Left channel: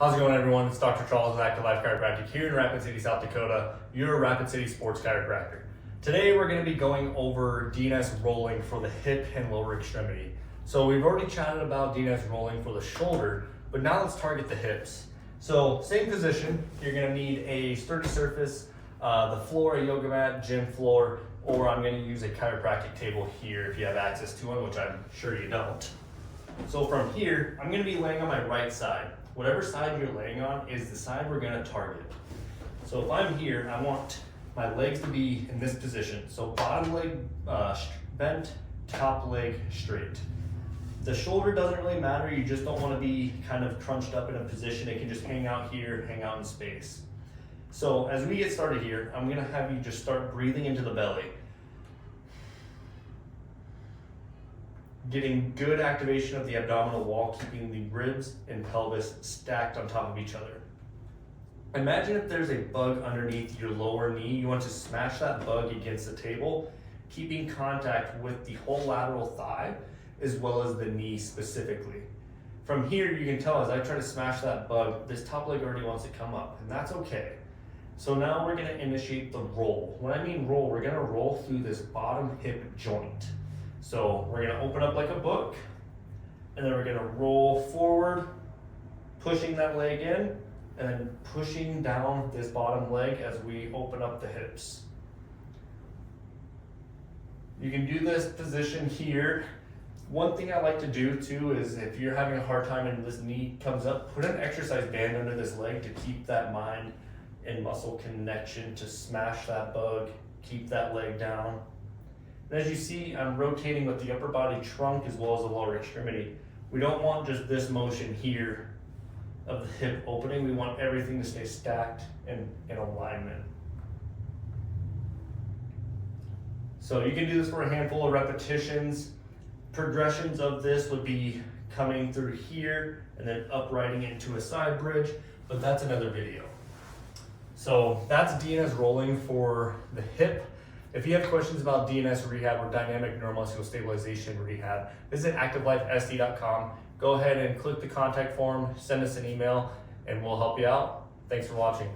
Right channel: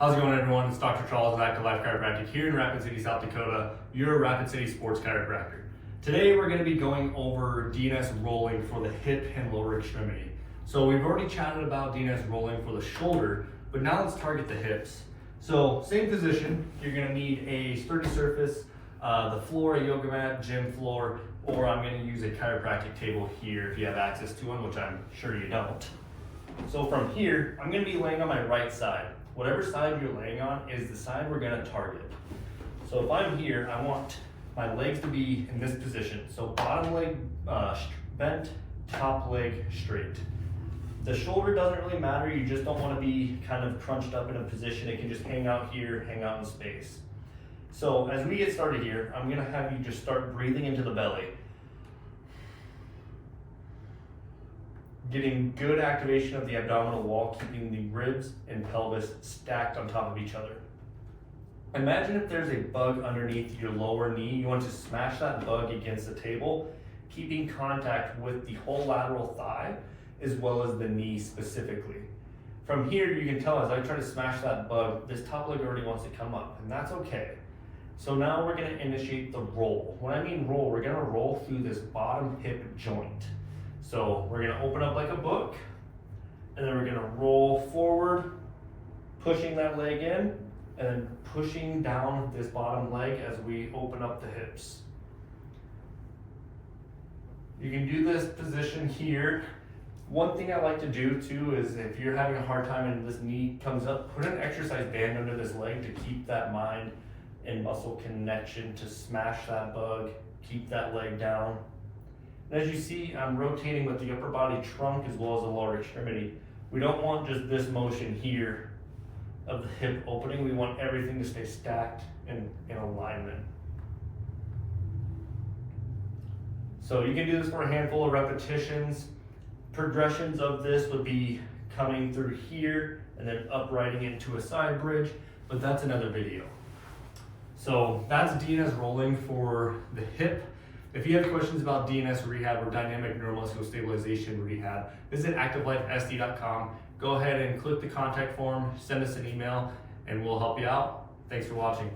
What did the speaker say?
How's it going, everyone? It's Dr. Charles with Active Life Chiropractic here in Rapid City, South Dakota, your Rapid City sports chiropractor. Today we're going to be going over DNS rolling for the hip and lower extremity. So we've already chatted about DNS rolling for the shoulder, but now let's target the hips. So same position, you're going to need a sturdy surface, the floor, a yoga mat, gym floor, or I'm going to use a chiropractic table here if you have access to one, which I'm sure you don't. So from here, I'm going to be laying on my right side. Whatever side you're laying on is the side we're gonna target. So if I'm here, I want my legs to be in this position. So bottom leg bent, top leg straight. The shoulder doesn't really matter, you just don't wanna be kind of crunched up in a position. It can just hang out here, hang out in space. So as we get started here, I'm gonna have you just start breathing into the belly. Getting good activation of the abdominal wall, keeping the ribs and pelvis stacked on top of each other. Imagine if there's a bug underneath your lower knee. You want to smash that bug against the table, keeping contact with the whole lateral thigh as well as the knee specifically. From here, you can tell as I try to smash that bug, this top leg already wants to come up, and that's okay. So now we're gonna initiate the roll. When I mean roll, we're gonna roll through this bottom hip joint. So we're gonna open up like a book, and then we're gonna roll forward, pushing that leg in, and then pushing down this bottom leg as we open up the hips. You can do this position here. One thing I like to do too is if you're having a hard time and this knee comes up, put an exercise band under this leg to keep that mind and muscle connection to smash that bug, keep that leg down. And as you see, I'm rotating with the upper body trunk as well as the lower extremity. We don't want just this motion here of the hip opening. We want everything to stay stacked and in alignment. So you can do this for a handful of repetitions. Progressions of this would be coming through here and then uprighting into a side bridge, but that's another video. So that's DNS rolling for the hip. If you have questions about DNS rehab or dynamic neuromuscular stabilization rehab, visit activelifesd.com. Go ahead and click the contact form, send us an email, and we'll help you out. Thanks for watching.